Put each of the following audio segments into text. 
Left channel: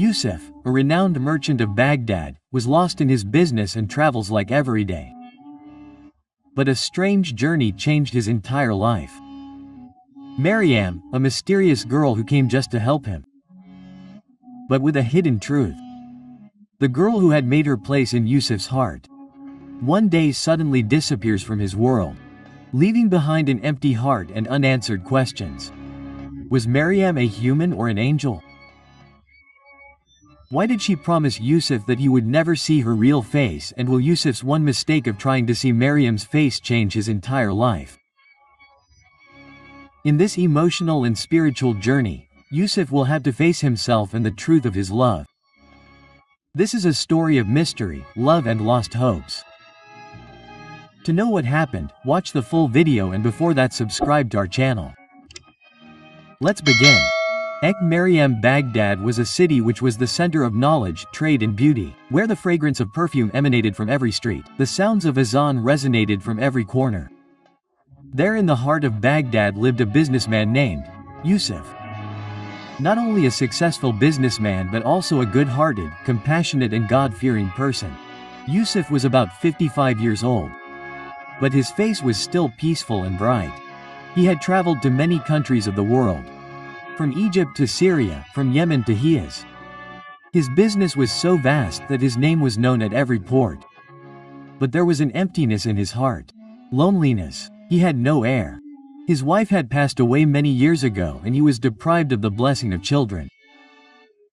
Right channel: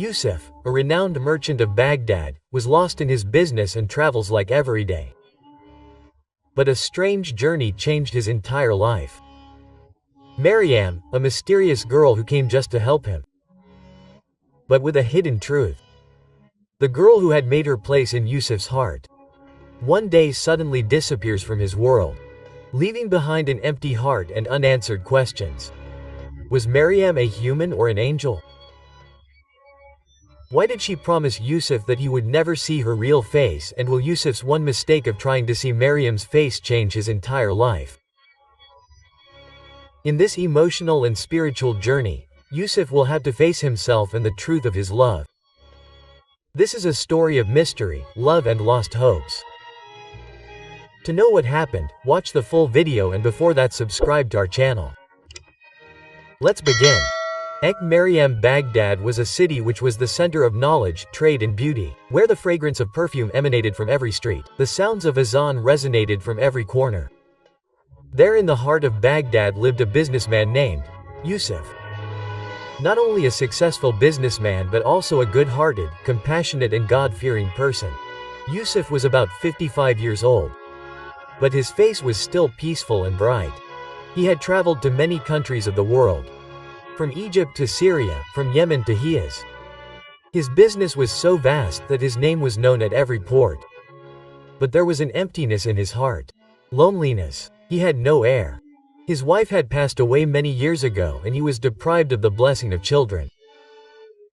Yusuf, a renowned merchant of Baghdad, was lost in his business and travels like every day. But a strange journey changed his entire life. Maryam, a mysterious girl who came just to help him. But with a hidden truth. The girl who had made her place in Yusuf's heart, one day suddenly disappears from his world, leaving behind an empty heart and unanswered questions. Was Maryam a human or an angel? Why did she promise Yusuf that he would never see her real face, and will Yusuf's one mistake of trying to see Maryam's face change his entire life? In this emotional and spiritual journey, Yusuf will have to face himself and the truth of his love. This is a story of mystery, love and lost hopes. To know what happened, watch the full video, and before that subscribe to our channel. Let's begin. Maryam Baghdad was a city which was the center of knowledge, trade and beauty, where the fragrance of perfume emanated from every street, the sounds of azan resonated from every corner. There in the heart of Baghdad lived a businessman named Yusuf. Not only a successful businessman but also a good-hearted, compassionate and God-fearing person. Yusuf was about 55 years old. But his face was still peaceful and bright. He had traveled to many countries of the world. From Egypt to Syria, from Yemen to Hijaz. His business was so vast that his name was known at every port. But there was an emptiness in his heart. Loneliness. He had no heir. His wife had passed away many years ago and he was deprived of the blessing of children.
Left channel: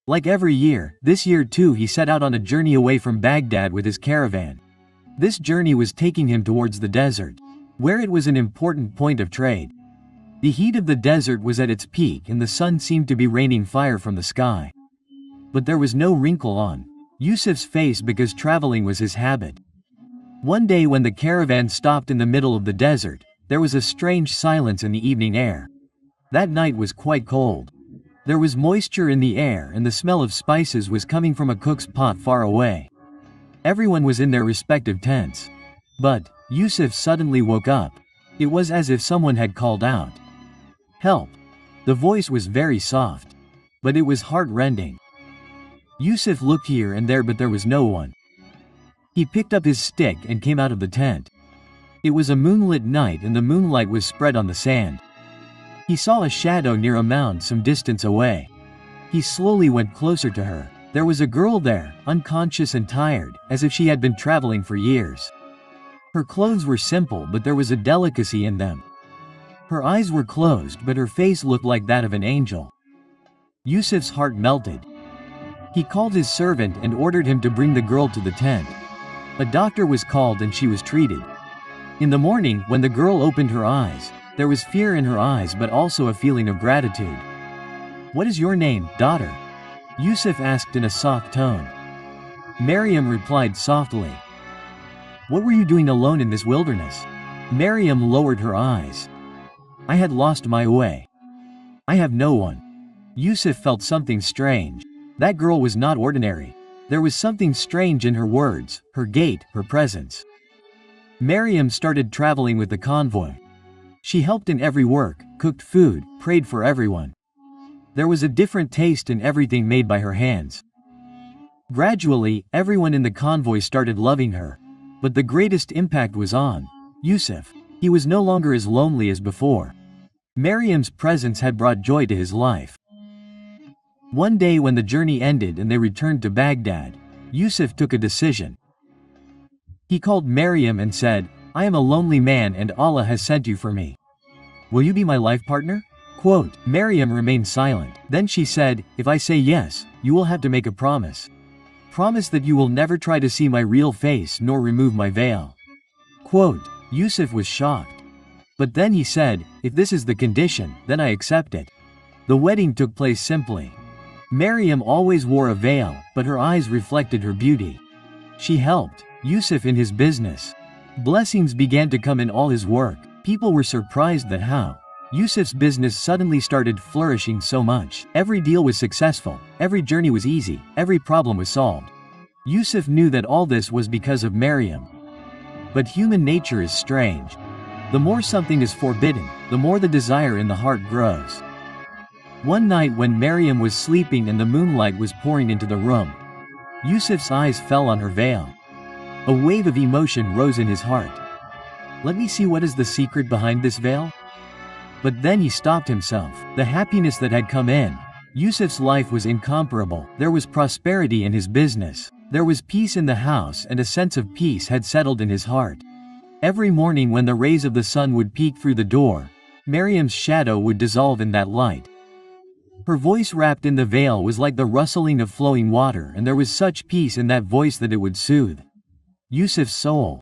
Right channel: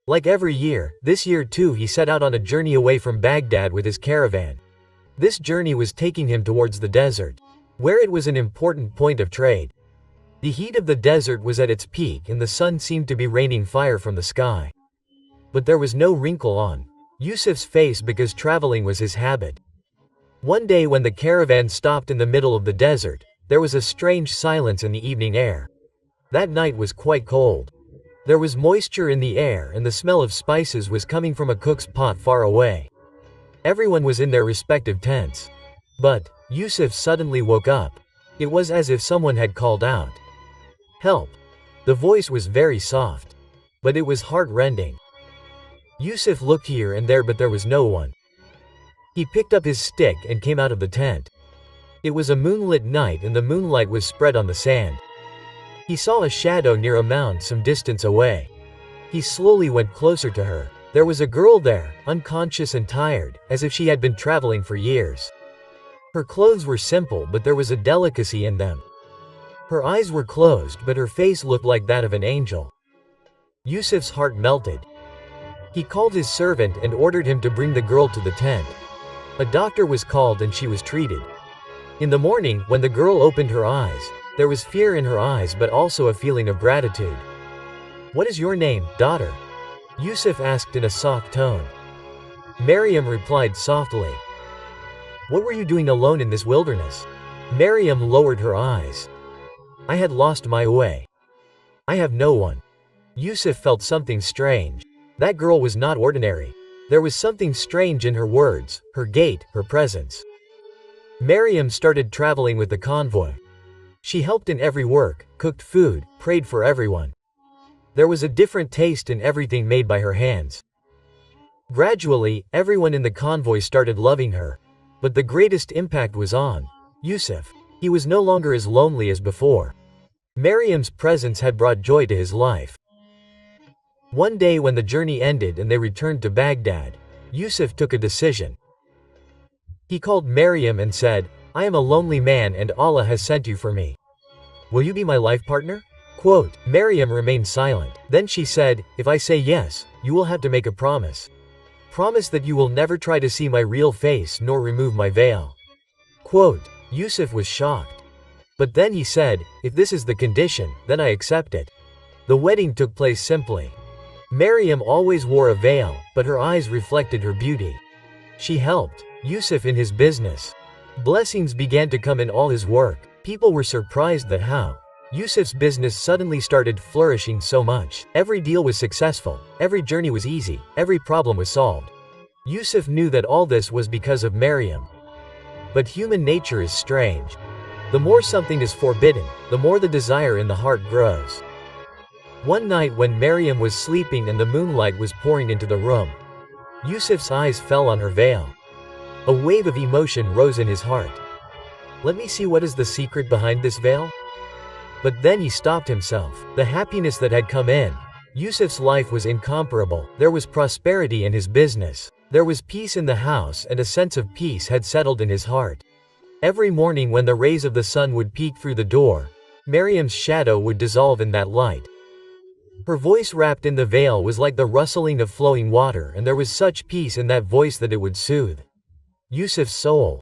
Like every year, this year too he set out on a journey away from Baghdad with his caravan. This journey was taking him towards the desert, where it was an important point of trade. The heat of the desert was at its peak and the sun seemed to be raining fire from the sky. But there was no wrinkle on Yusuf's face because traveling was his habit. One day when the caravan stopped in the middle of the desert, there was a strange silence in the evening air. That night was quite cold. There was moisture in the air and the smell of spices was coming from a cook's pot far away. Everyone was in their respective tents. But Yusuf suddenly woke up. It was as if someone had called out, "Help!" The voice was very soft. But it was heart-rending. Yusuf looked here and there but there was no one. He picked up his stick and came out of the tent. It was a moonlit night and the moonlight was spread on the sand. He saw a shadow near a mound some distance away. He slowly went closer to her. There was a girl there, unconscious and tired, as if she had been traveling for years. Her clothes were simple but there was a delicacy in them. Her eyes were closed but her face looked like that of an angel. Yusuf's heart melted. He called his servant and ordered him to bring the girl to the tent. A doctor was called and she was treated. In the morning, when the girl opened her eyes, there was fear in her eyes but also a feeling of gratitude. "What is your name, daughter?" Yusuf asked in a soft tone. Maryam replied softly. "What were you doing alone in this wilderness?" Maryam lowered her eyes. "I had lost my way. I have no one." Yusuf felt something strange. That girl was not ordinary. There was something strange in her words, her gait, her presence. Maryam started traveling with the convoy. She helped in every work, cooked food, prayed for everyone. There was a different taste in everything made by her hands. Gradually, everyone in the convoy started loving her. But the greatest impact was on Yusuf. He was no longer as lonely as before. Maryam's presence had brought joy to his life. One day when the journey ended and they returned to Baghdad, Yusuf took a decision. He called Maryam and said, "I am a lonely man and Allah has sent you for me. Will you be my life partner?" Quote, Maryam remained silent. Then she said, "If I say yes, you will have to make a promise. Promise that you will never try to see my real face nor remove my veil." Quote, Yusuf was shocked. But then he said, "If this is the condition, then I accept it." The wedding took place simply. Maryam always wore a veil, but her eyes reflected her beauty. She helped Yusuf in his business. Blessings began to come in all his work. People were surprised that how Yusuf's business suddenly started flourishing so much. Every deal was successful, every journey was easy, every problem was solved. Yusuf knew that all this was because of Maryam. But human nature is strange. The more something is forbidden, the more the desire in the heart grows. One night when Maryam was sleeping and the moonlight was pouring into the room, Yusuf's eyes fell on her veil. A wave of emotion rose in his heart. Let me see what is the secret behind this veil? But then he stopped himself. The happiness that had come in Yusuf's life was incomparable. There was prosperity in his business. There was peace in the house, and a sense of peace had settled in his heart. Every morning when the rays of the sun would peek through the door, Maryam's shadow would dissolve in that light. Her voice wrapped in the veil was like the rustling of flowing water, and there was such peace in that voice that it would soothe Yusuf's soul.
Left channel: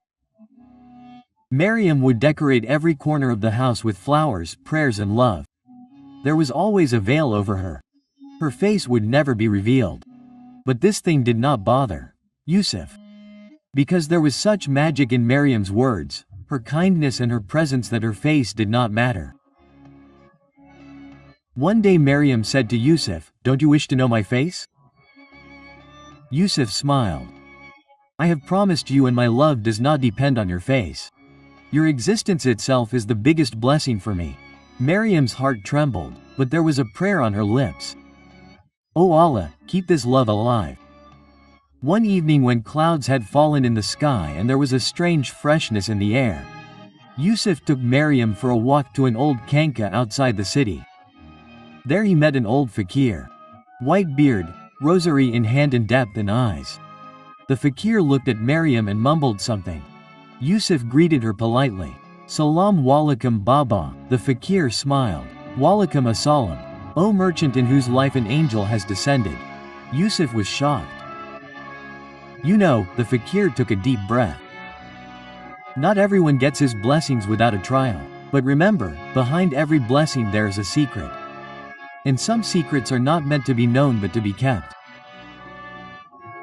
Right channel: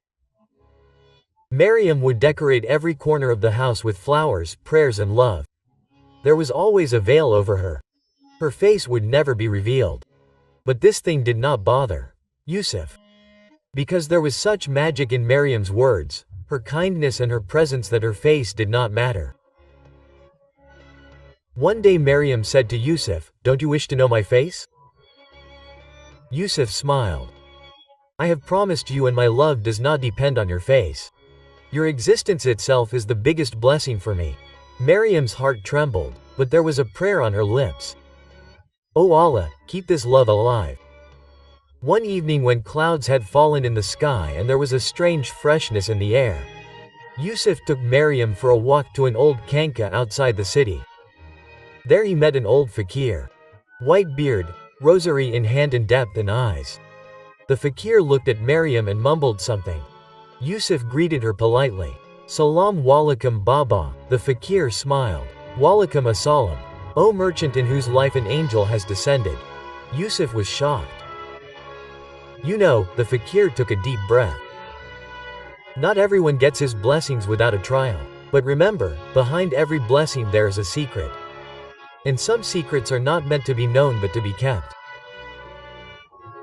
Maryam would decorate every corner of the house with flowers, prayers and love. There was always a veil over her. Her face would never be revealed. But this thing did not bother Yusuf. Because there was such magic in Maryam's words, her kindness and her presence that her face did not matter. One day Maryam said to Yusuf, "Don't you wish to know my face?" Yusuf smiled. "I have promised you, and my love does not depend on your face. Your existence itself is the biggest blessing for me." Maryam's heart trembled, but there was a prayer on her lips. "O Allah, keep this love alive." One evening when clouds had fallen in the sky and there was a strange freshness in the air, Yusuf took Maryam for a walk to an old khanqa outside the city. There he met an old fakir. White beard, rosary in hand and depth in eyes. The fakir looked at Maryam and mumbled something. Yusuf greeted her politely. "Salam walaikum Baba." The fakir smiled. "Walaikum assalam. O merchant in whose life an angel has descended." Yusuf was shocked. "You know," the fakir took a deep breath. "Not everyone gets his blessings without a trial. But remember, behind every blessing there is a secret. And some secrets are not meant to be known but to be kept."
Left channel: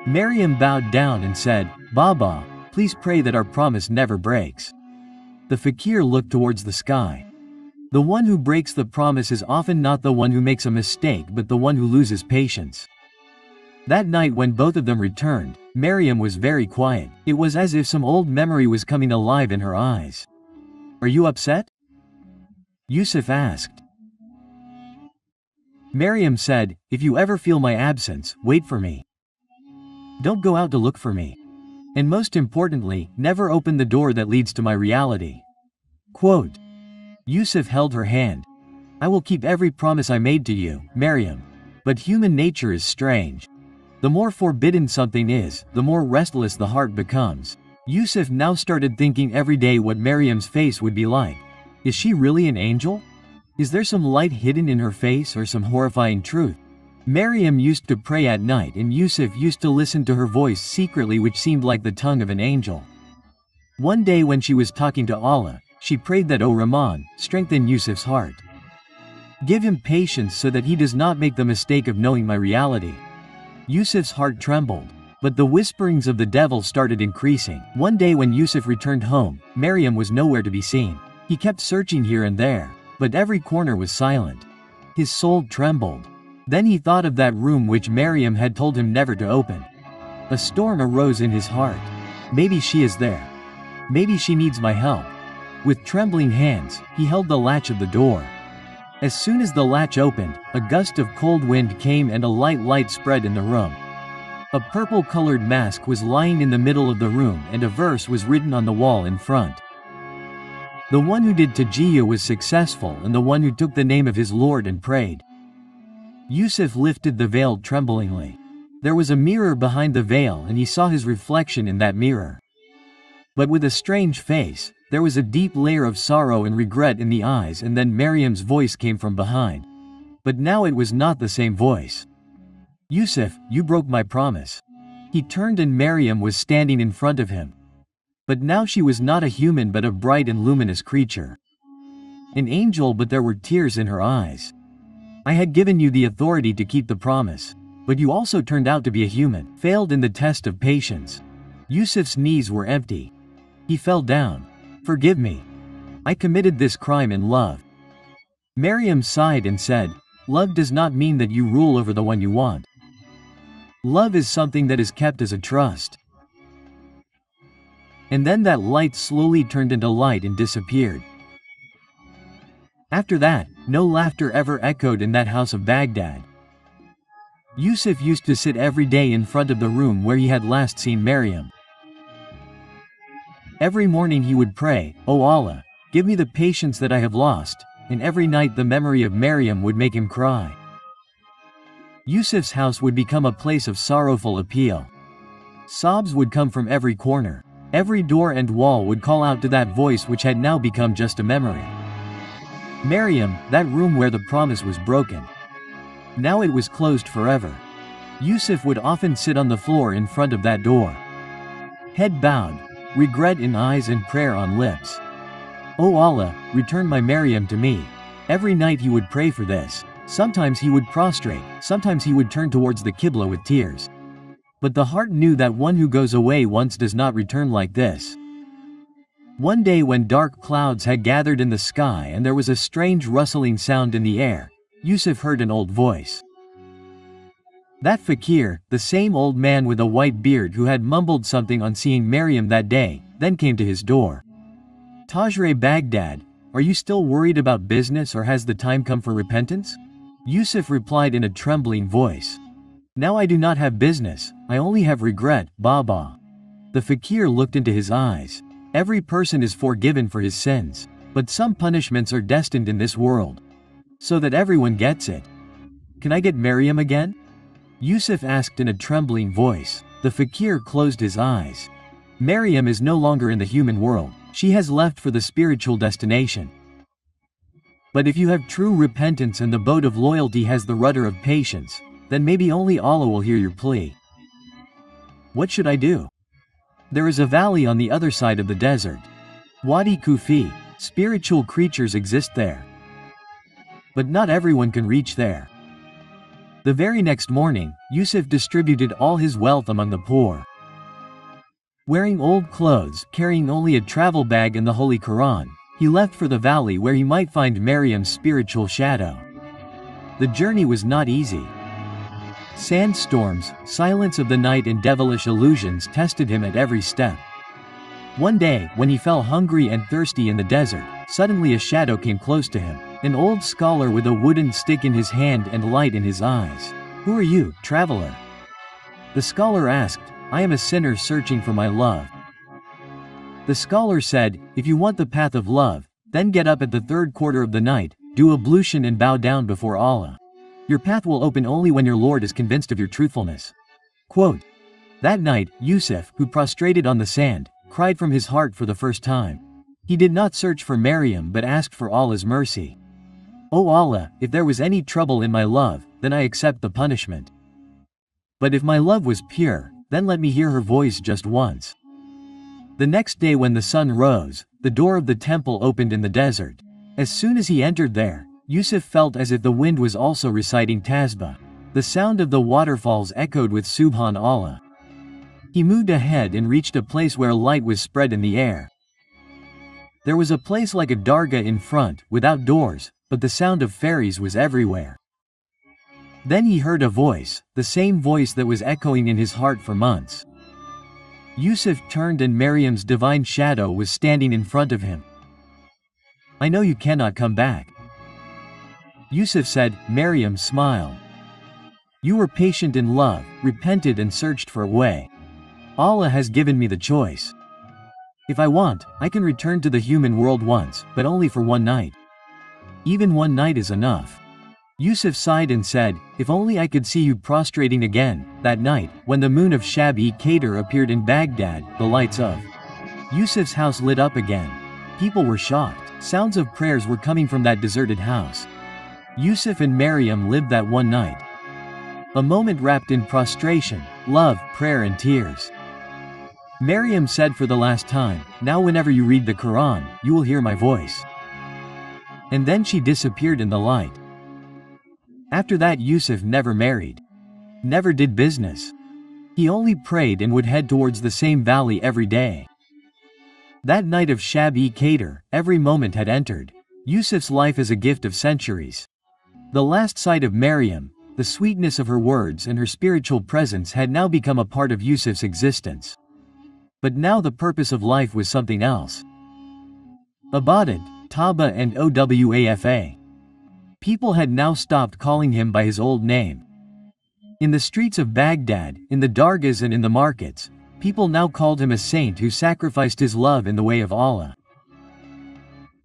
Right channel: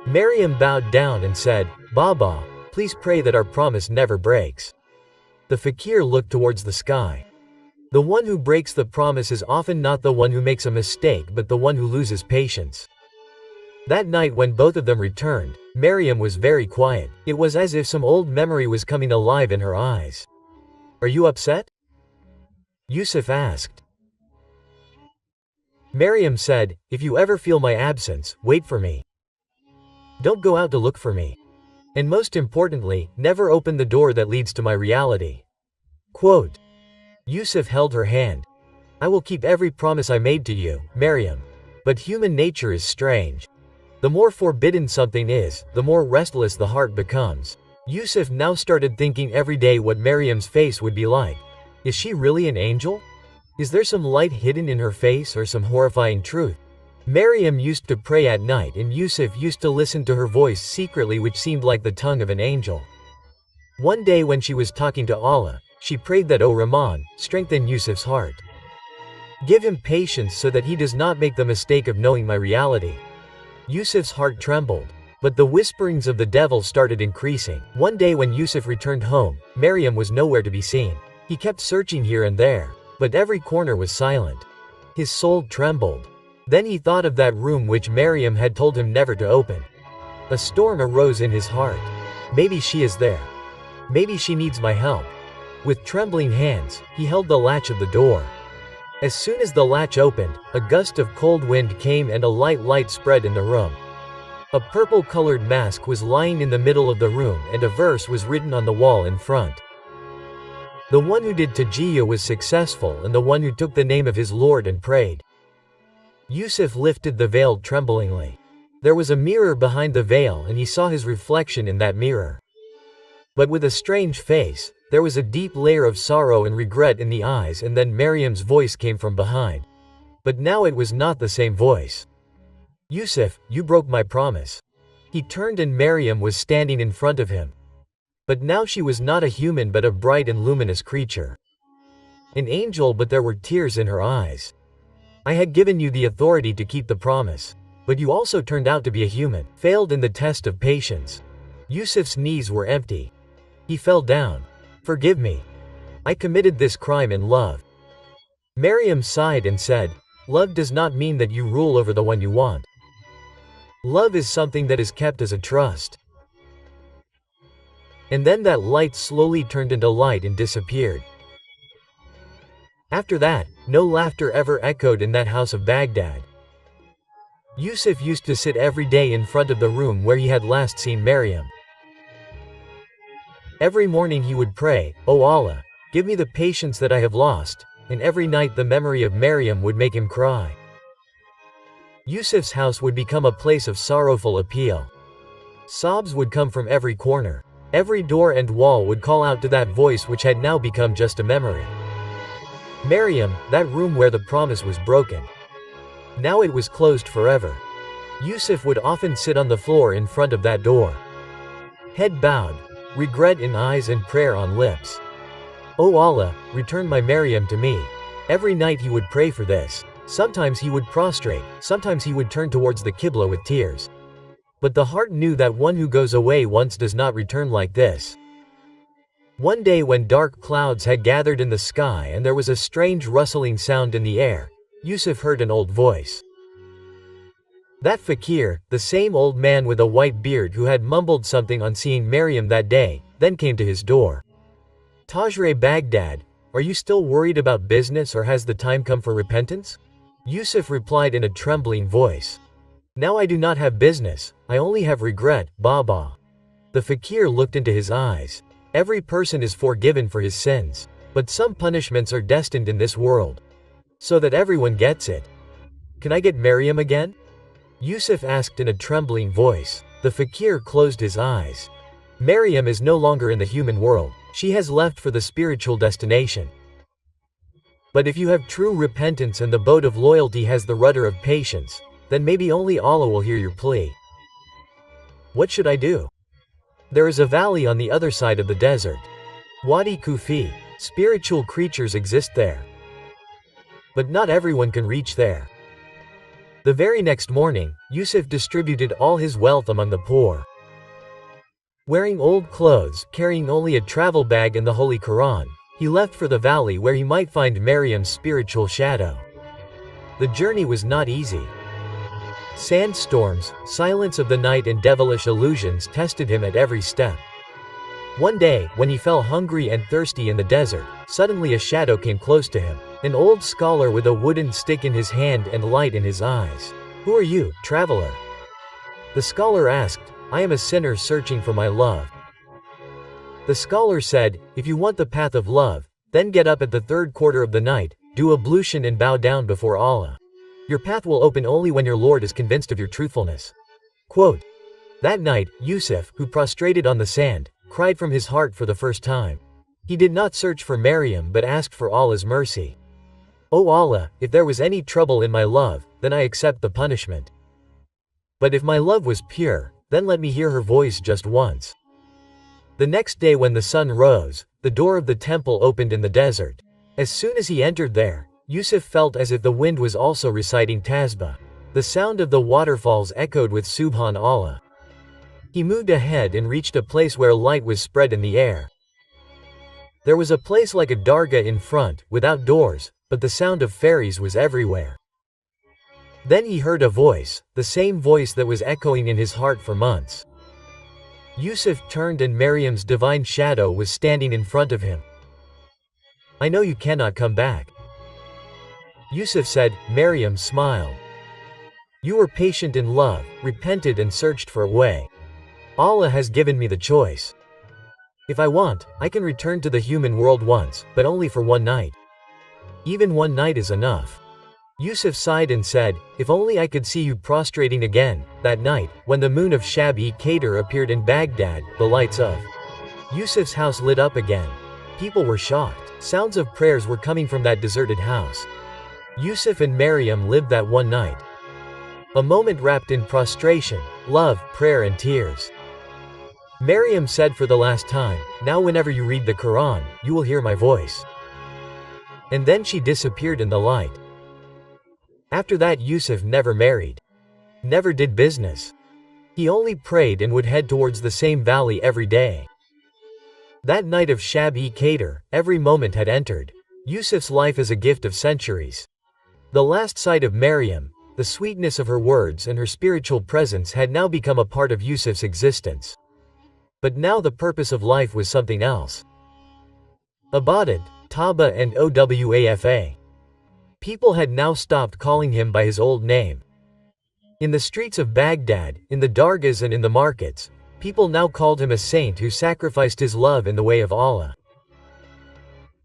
Maryam bowed down and said, "Baba, please pray that our promise never breaks." The fakir looked towards the sky. The one who breaks the promise is often not the one who makes a mistake but the one who loses patience. That night when both of them returned, Maryam was very quiet. It was as if some old memory was coming alive in her eyes. "Are you upset?" Yusuf asked. Maryam said, "If you ever feel my absence, wait for me. Don't go out to look for me. And most importantly, never open the door that leads to my reality." Quote. Yusuf held her hand. "I will keep every promise I made to you, Maryam. But human nature is strange. The more forbidden something is, the more restless the heart becomes." Yusuf now started thinking every day what Maryam's face would be like. Is she really an angel? Is there some light hidden in her face or some horrifying truth? Maryam used to pray at night and Yusuf used to listen to her voice secretly, which seemed like the tongue of an angel. One day when she was talking to Allah, she prayed that, "O Rahman, strengthen Yusuf's heart. Give him patience so that he does not make the mistake of knowing my reality." Yusuf's heart trembled. But the whisperings of the devil started increasing. One day when Yusuf returned home, Maryam was nowhere to be seen. He kept searching here and there, but every corner was silent. His soul trembled. Then he thought of that room which Maryam had told him never to open. A storm arose in his heart. Maybe she is there. Maybe she needs my help. With trembling hands, he held the latch of the door. As soon as the latch opened, a gust of cold wind came and a light spread in the room. A purple-colored mask was lying in the middle of the room and a verse was written on the wall in front. The one who did tajiyya was successful, and the one who took the name of his Lord and prayed. Yusuf lifted the veil tremblingly. There was a mirror behind the veil and he saw his reflection in that mirror. But with a strange face, there was a deep layer of sorrow and regret in the eyes, and then Maryam's voice came from behind. But now it was not the same voice. "Yusuf, you broke my promise." He turned and Maryam was standing in front of him. But now she was not a human but a bright and luminous creature. An angel, but there were tears in her eyes. "I had given you the authority to keep the promise. But you also turned out to be a human, failed in the test of patience." Yusuf's knees were empty. He fell down. "Forgive me. I committed this crime in love." Maryam sighed and said, "Love does not mean that you rule over the one you want. Love is something that is kept as a trust." And then that light slowly turned into light and disappeared. After that, No laughter ever echoed in that house of Baghdad. Yusuf used to sit every day in front of the room where he had last seen Maryam. Every morning he would pray, "O Allah, give me the patience that I have lost," and every night the memory of Maryam would make him cry. Yusuf's house would become a place of sorrowful appeal. Sobs would come from every corner. Every door and wall would call out to that voice which had now become just a memory. Maryam, that room where the promise was broken. Now it was closed forever. Yusuf would often sit on the floor in front of that door. Head bowed, regret in eyes and prayer on lips. "O Allah, return my Maryam to me." Every night he would pray for this. Sometimes he would prostrate, sometimes he would turn towards the Qibla with tears. But the heart knew that one who goes away once does not return like this. One day when dark clouds had gathered in the sky and there was a strange rustling sound in the air, Yusuf heard an old voice. That fakir, the same old man with a white beard who had mumbled something on seeing Maryam that day, then came to his door. "Tajre Baghdad, are you still worried about business or has the time come for repentance?" Yusuf replied in a trembling voice. "Now I do not have business, I only have regret, Baba." The fakir looked into his eyes. Every person is forgiven for his sins. But some punishments are destined in this world. So that everyone gets it. "Can I get Maryam again?" Yusuf asked in a trembling voice. The fakir closed his eyes. Maryam is no longer in the human world. She has left for the spiritual destination. But if you have true repentance and the boat of loyalty has the rudder of patience, then maybe only Allah will hear your plea. "What should I do?" "There is a valley on the other side of the desert. Wadi Kufi. Spiritual creatures exist there. But not everyone can reach there." The very next morning, Yusuf distributed all his wealth among the poor. Wearing old clothes, carrying only a travel bag and the Holy Quran, he left for the valley where he might find Maryam's spiritual shadow. The journey was not easy. Sandstorms, silence of the night and devilish illusions tested him at every step. One day, when he fell hungry and thirsty in the desert, suddenly a shadow came close to him. An old scholar with a wooden stick in his hand and light in his eyes. "Who are you, traveler?" The scholar asked. "I am a sinner searching for my love." The scholar said, "If you want the path of love, then get up at the third quarter of the night, do ablution and bow down before Allah. Your path will open only when your Lord is convinced of your truthfulness." Quote. That night, Yusuf, who prostrated on the sand, cried from his heart for the first time. He did not search for Maryam but asked for Allah's mercy. "O Allah, if there was any trouble in my love, then I accept the punishment. But if my love was pure, then let me hear her voice just once." The next day when the sun rose, the door of the temple opened in the desert. As soon as he entered there, Yusuf felt as if the wind was also reciting Tasbih. The sound of the waterfalls echoed with Subhan Allah. He moved ahead and reached a place where light was spread in the air. There was a place like a dargah in front, without doors, but the sound of fairies was everywhere. Then he heard a voice, the same voice that was echoing in his heart for months. Yusuf turned and Maryam's divine shadow was standing in front of him. "I know you cannot come back." Yusuf said. Maryam smiled. "You were patient in love, repented and searched for a way. Allah has given me the choice. If I want, I can return to the human world once, but only for one night. Even one night is enough." Yusuf sighed and said, "If only I could see you prostrating again." That night, when the moon of Shab-e-Qadr appeared in Baghdad, the lights of Yusuf's house lit up again. People were shocked. Sounds of prayers were coming from that deserted house. Yusuf and Maryam lived that one night. A moment wrapped in prostration, love, prayer and tears. Maryam said for the last time, "Now whenever you read the Quran, you will hear my voice." And then she disappeared in the light. After that Yusuf never married. Never did business. He only prayed and would head towards the same valley every day. That night of Shab-e-Qadr, every moment had entered Yusuf's life as a gift of centuries. The last sight of Maryam, the sweetness of her words and her spiritual presence had now become a part of Yusuf's existence. But now the purpose of life was something else. Ibadat, Taba and Owafa. People had now stopped calling him by his old name. In the streets of Baghdad, in the dargahs and in the markets, people now called him a saint who sacrificed his love in the way of Allah.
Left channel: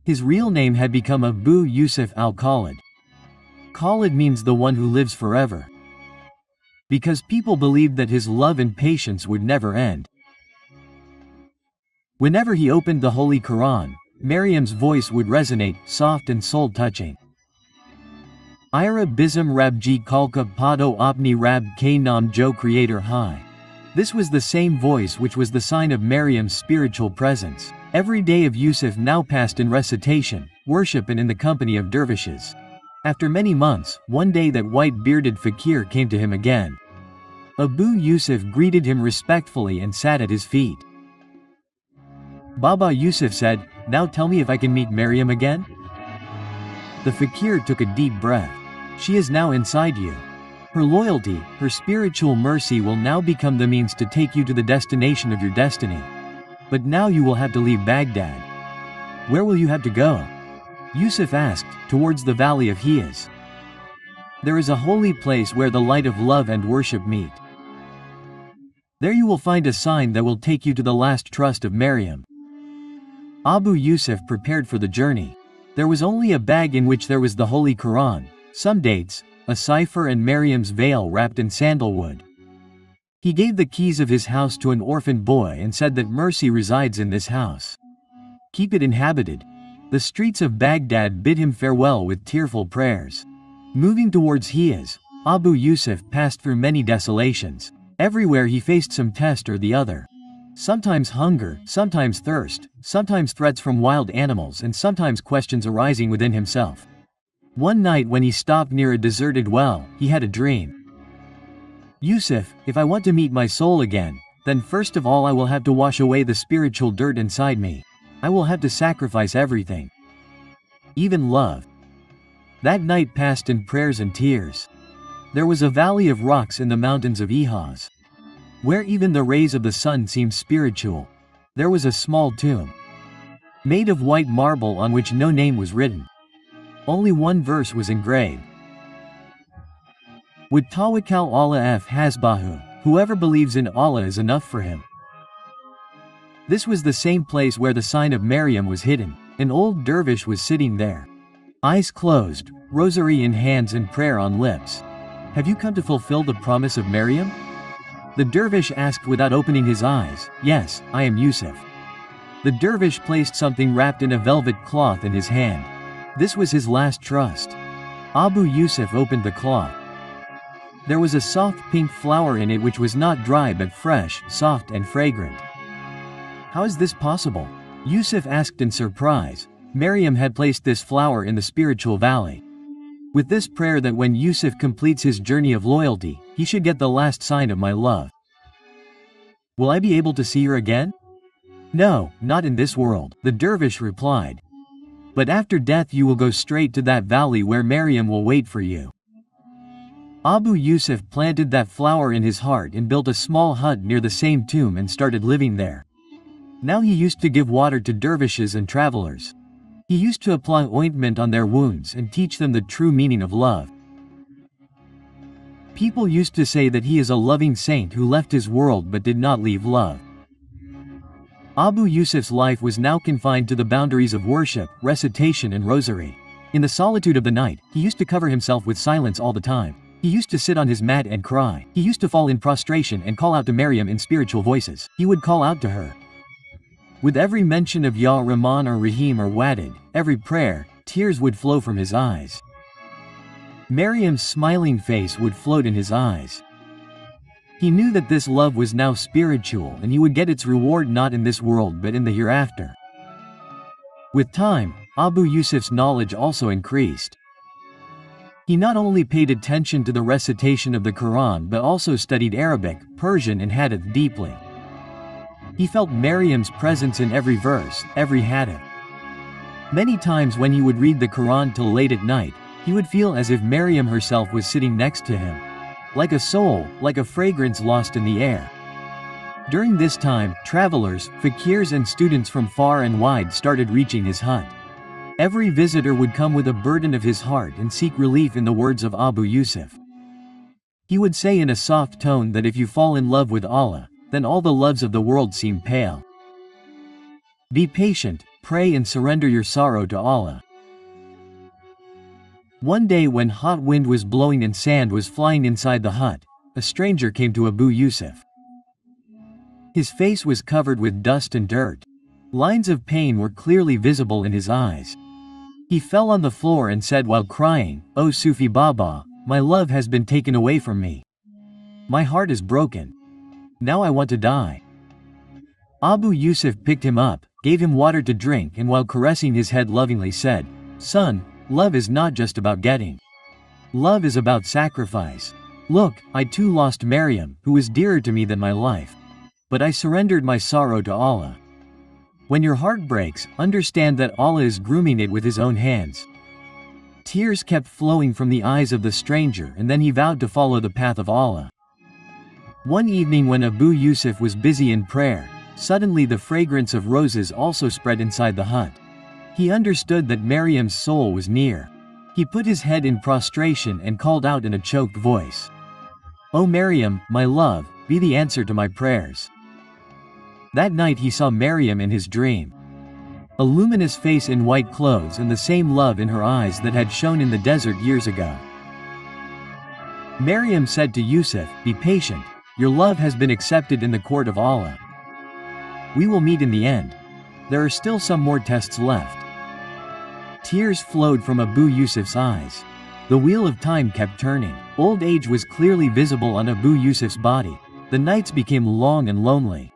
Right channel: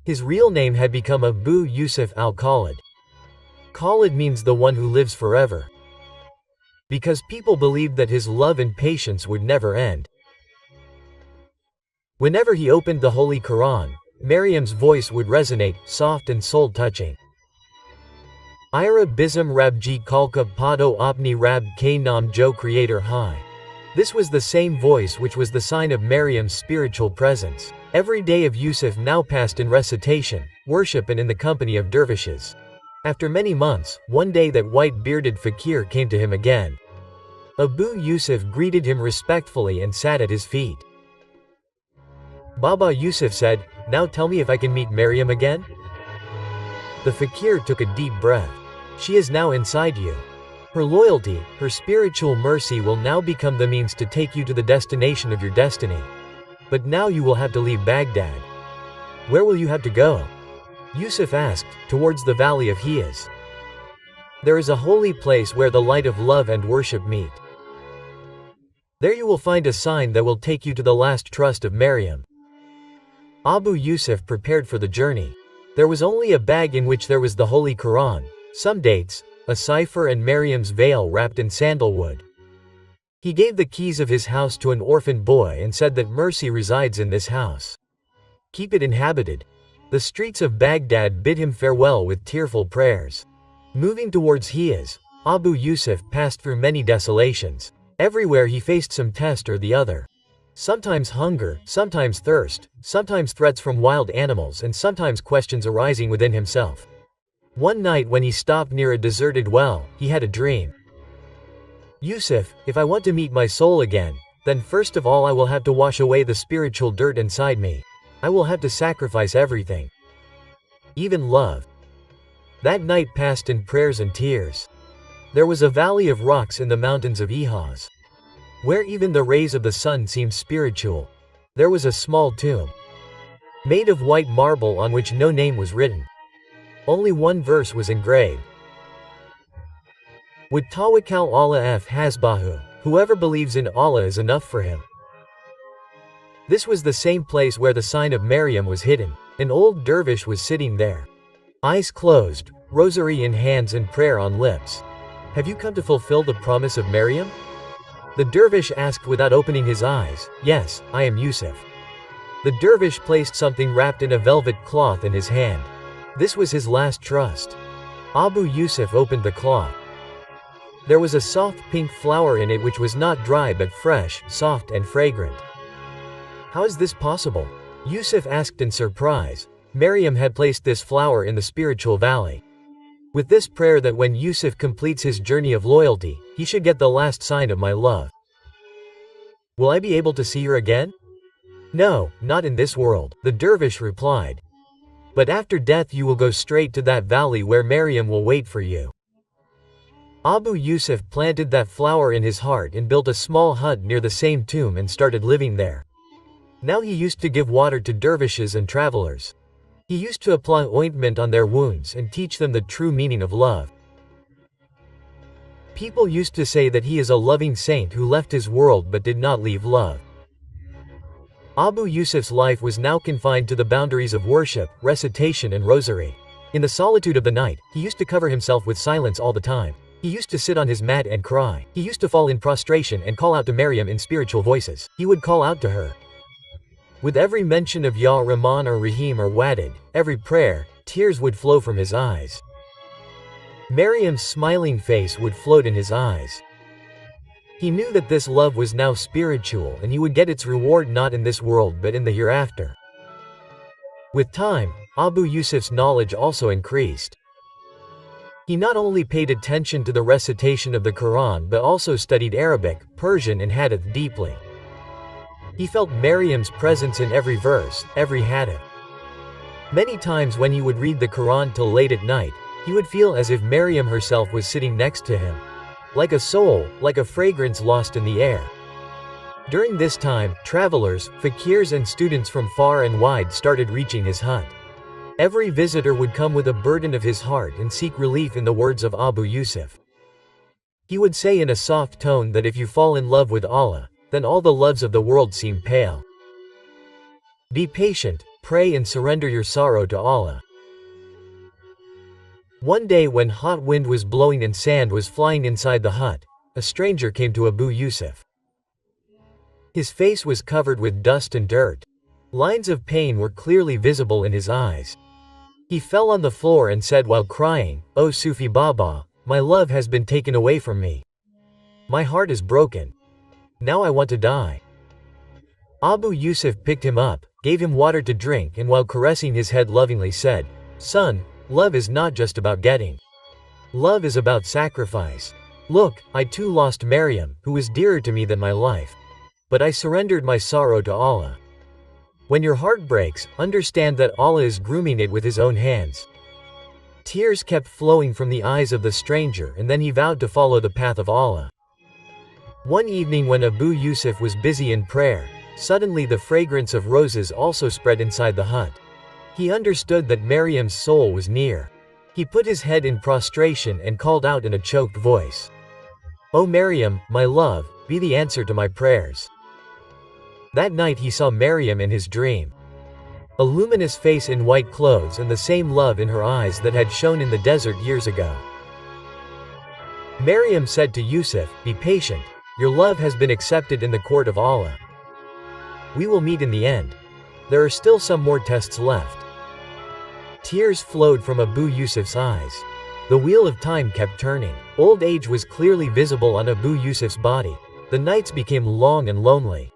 His real name had become Abu Yusuf al-Khalid. Khalid means the one who lives forever, because people believed that his love and patience would never end. Whenever he opened the Holy Quran, Maryam's voice would resonate, soft and soul-touching. Ira Bism Rabji Kalka Pado Opni Rab K Nam Jo Creator High. This was the same voice which was the sign of Maryam's spiritual presence. Every day of Yusuf now passed in recitation, worship and in the company of dervishes. After many months, one day that white-bearded fakir came to him again. Abu Yusuf greeted him respectfully and sat at his feet. Baba Yusuf said, "Now tell me if I can meet Maryam again?" The fakir took a deep breath. She is now inside you. Her loyalty, her spiritual mercy will now become the means to take you to the destination of your destiny. But now you will have to leave Baghdad. Where will you have to go? Yusuf asked. Towards the valley of Hiyas. There is a holy place where the light of love and worship meet. There you will find a sign that will take you to the last trust of Maryam. Abu Yusuf prepared for the journey. There was only a bag in which there was the Holy Quran, some dates, a cipher and Maryam's veil wrapped in sandalwood. He gave the keys of his house to an orphan boy and said that mercy resides in this house. Keep it inhabited. The streets of Baghdad bid him farewell with tearful prayers. Moving towards Hiyas, Abu Yusuf passed through many desolations. Everywhere he faced some test or the other. Sometimes hunger, sometimes thirst, sometimes threats from wild animals and sometimes questions arising within himself. One night when he stopped near a deserted well, he had a dream. Yusuf, if I want to meet my soul again, then first of all I will have to wash away the spiritual dirt inside me. I will have to sacrifice everything. Even love. That night passed in prayers and tears. There was a valley of rocks in the mountains of Ihaz, where even the rays of the sun seemed spiritual. There was a small tomb, made of white marble on which no name was written. Only one verse was engraved. Would tawakkal Allah f hasbahu, whoever believes in Allah is enough for him. This was the same place where the sign of Maryam was hidden. An old dervish was sitting there. Eyes closed, rosary in hands and prayer on lips. Have you come to fulfill the promise of Maryam? The dervish asked without opening his eyes. Yes, I am Yusuf. The dervish placed something wrapped in a velvet cloth in his hand. This was his last trust. Abu Yusuf opened the cloth. There was a soft pink flower in it which was not dry but fresh, soft and fragrant. How is this possible? Yusuf asked in surprise. Maryam had placed this flower in the spiritual valley, with this prayer that when Yusuf completes his journey of loyalty, he should get the last sign of my love. Will I be able to see her again? No, not in this world, the dervish replied. But after death you will go straight to that valley where Maryam will wait for you. Abu Yusuf planted that flower in his heart and built a small hut near the same tomb and started living there. Now he used to give water to dervishes and travelers. He used to apply ointment on their wounds and teach them the true meaning of love. People used to say that he is a loving saint who left his world but did not leave love. Abu Yusuf's life was now confined to the boundaries of worship, recitation and rosary. In the solitude of the night, he used to cover himself with silence all the time. He used to sit on his mat and cry. He used to fall in prostration and call out to Maryam in spiritual voices. He would call out to her. With every mention of Ya Rahman or Rahim or Wadid, every prayer, tears would flow from his eyes. Maryam's smiling face would float in his eyes. He knew that this love was now spiritual and he would get its reward not in this world but in the hereafter. With time, Abu Yusuf's knowledge also increased. He not only paid attention to the recitation of the Quran but also studied Arabic, Persian and Hadith deeply. He felt Maryam's presence in every verse, every hadith. Many times when he would read the Quran till late at night, he would feel as if Maryam herself was sitting next to him. Like a soul, like a fragrance lost in the air. During this time, travelers, fakirs and students from far and wide started reaching his hut. Every visitor would come with a burden of his heart and seek relief in the words of Abu Yusuf. He would say in a soft tone that if you fall in love with Allah, then all the loves of the world seem pale. Be patient, pray and surrender your sorrow to Allah. One day when hot wind was blowing and sand was flying inside the hut, a stranger came to Abu Yusuf. His face was covered with dust and dirt. Lines of pain were clearly visible in his eyes. He fell on the floor and said while crying, "O Sufi Baba, my love has been taken away from me. My heart is broken. Now I want to die." Abu Yusuf picked him up, gave him water to drink and while caressing his head lovingly said, "Son, love is not just about getting. Love is about sacrifice. Look, I too lost Maryam, who was dearer to me than my life. But I surrendered my sorrow to Allah. When your heart breaks, understand that Allah is grooming it with His own hands." Tears kept flowing from the eyes of the stranger and then he vowed to follow the path of Allah. One evening when Abu Yusuf was busy in prayer, suddenly the fragrance of roses also spread inside the hut. He understood that Maryam's soul was near. He put his head in prostration and called out in a choked voice, "O Maryam, my love, be the answer to my prayers." That night he saw Maryam in his dream. A luminous face in white clothes and the same love in her eyes that had shone in the desert years ago. Maryam said to Yusuf, "Be patient, your love has been accepted in the court of Allah. We will meet in the end. There are still some more tests left." Tears flowed from Abu Yusuf's eyes. The wheel of time kept turning. Old age was clearly visible on Abu Yusuf's body. The nights became long and lonely.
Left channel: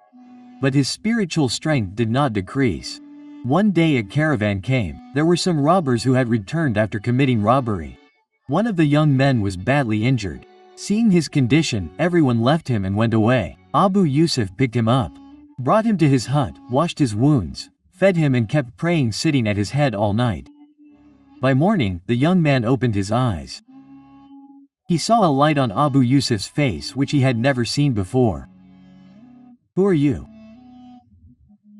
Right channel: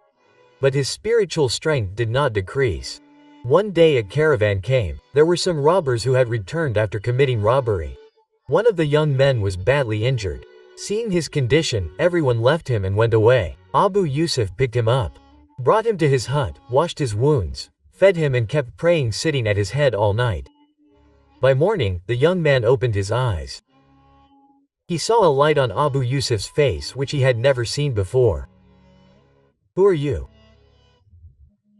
But his spiritual strength did not decrease. One day a caravan came. There were some robbers who had returned after committing robbery. One of the young men was badly injured. Seeing his condition, everyone left him and went away. Abu Yusuf picked him up, brought him to his hut, washed his wounds, fed him and kept praying sitting at his head all night. By morning, the young man opened his eyes. He saw a light on Abu Yusuf's face which he had never seen before. "Who are you?"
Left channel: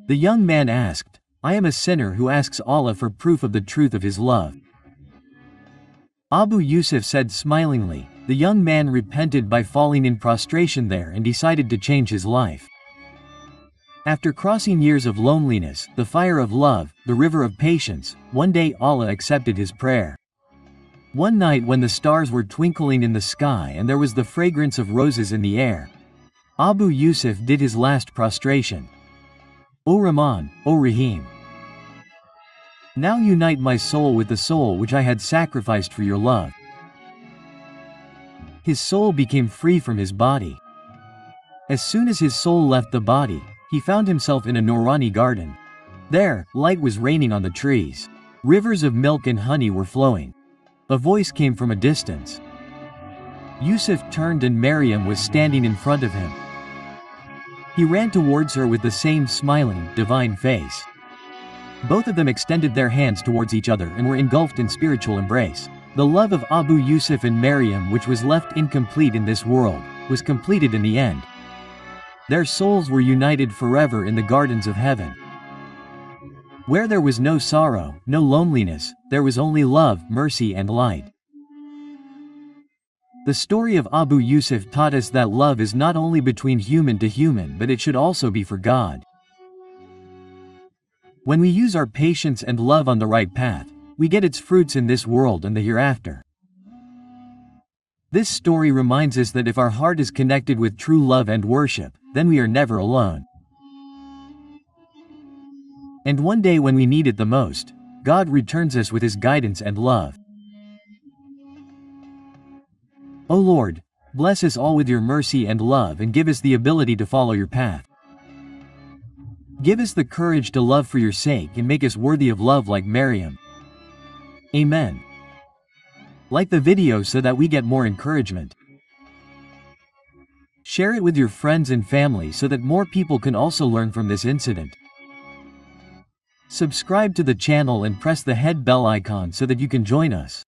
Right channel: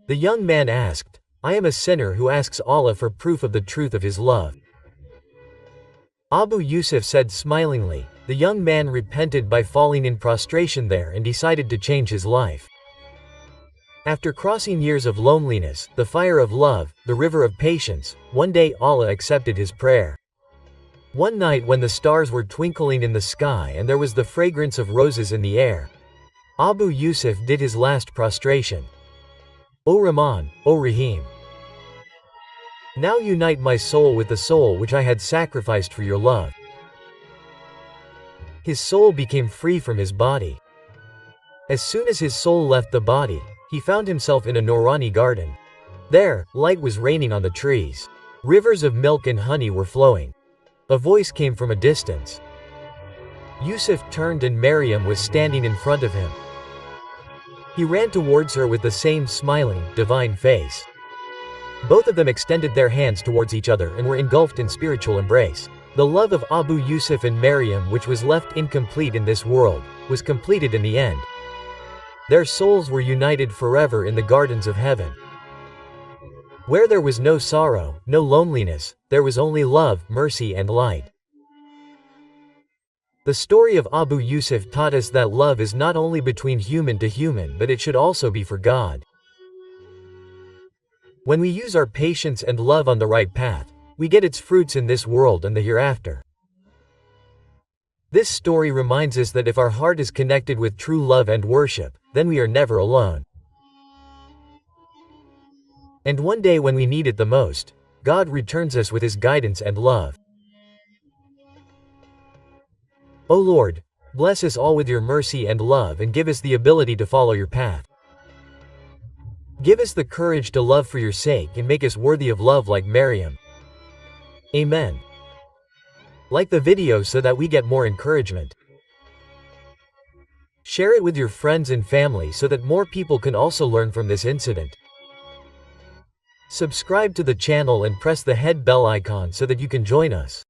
The young man asked. "I am a sinner who asks Allah for proof of the truth of his love." Abu Yusuf said smilingly. The young man repented by falling in prostration there and decided to change his life. After crossing years of loneliness, the fire of love, the river of patience, one day Allah accepted his prayer. One night when the stars were twinkling in the sky and there was the fragrance of roses in the air, Abu Yusuf did his last prostration. "O Rahman, O Rahim, now unite my soul with the soul which I had sacrificed for your love." His soul became free from his body. As soon as his soul left the body, he found himself in a Noorani garden. There, light was raining on the trees. Rivers of milk and honey were flowing. A voice came from a distance. Yusuf turned and Maryam was standing in front of him. He ran towards her with the same smiling, divine face. Both of them extended their hands towards each other and were engulfed in spiritual embrace. The love of Abu Yusuf and Maryam, which was left incomplete in this world, was completed in the end. Their souls were united forever in the gardens of heaven. Where there was no sorrow, no loneliness, there was only love, mercy and light. The story of Abu Yusuf taught us that love is not only between human to human but it should also be for God. When we use our patience and love on the right path, we get its fruits in this world and the hereafter. This story reminds us that if our heart is connected with true love and worship, then we are never alone. And one day when we need it the most, God returns us with His guidance and love. O Lord, bless us all with your mercy and love and give us the ability to follow your path. Give us the courage to love for your sake and make us worthy of love like Maryam. Amen. Like the video so that we get more encouragement. Share it with your friends and family so that more people can also learn from this incident. Subscribe to the channel and press the head bell icon so that you can join us.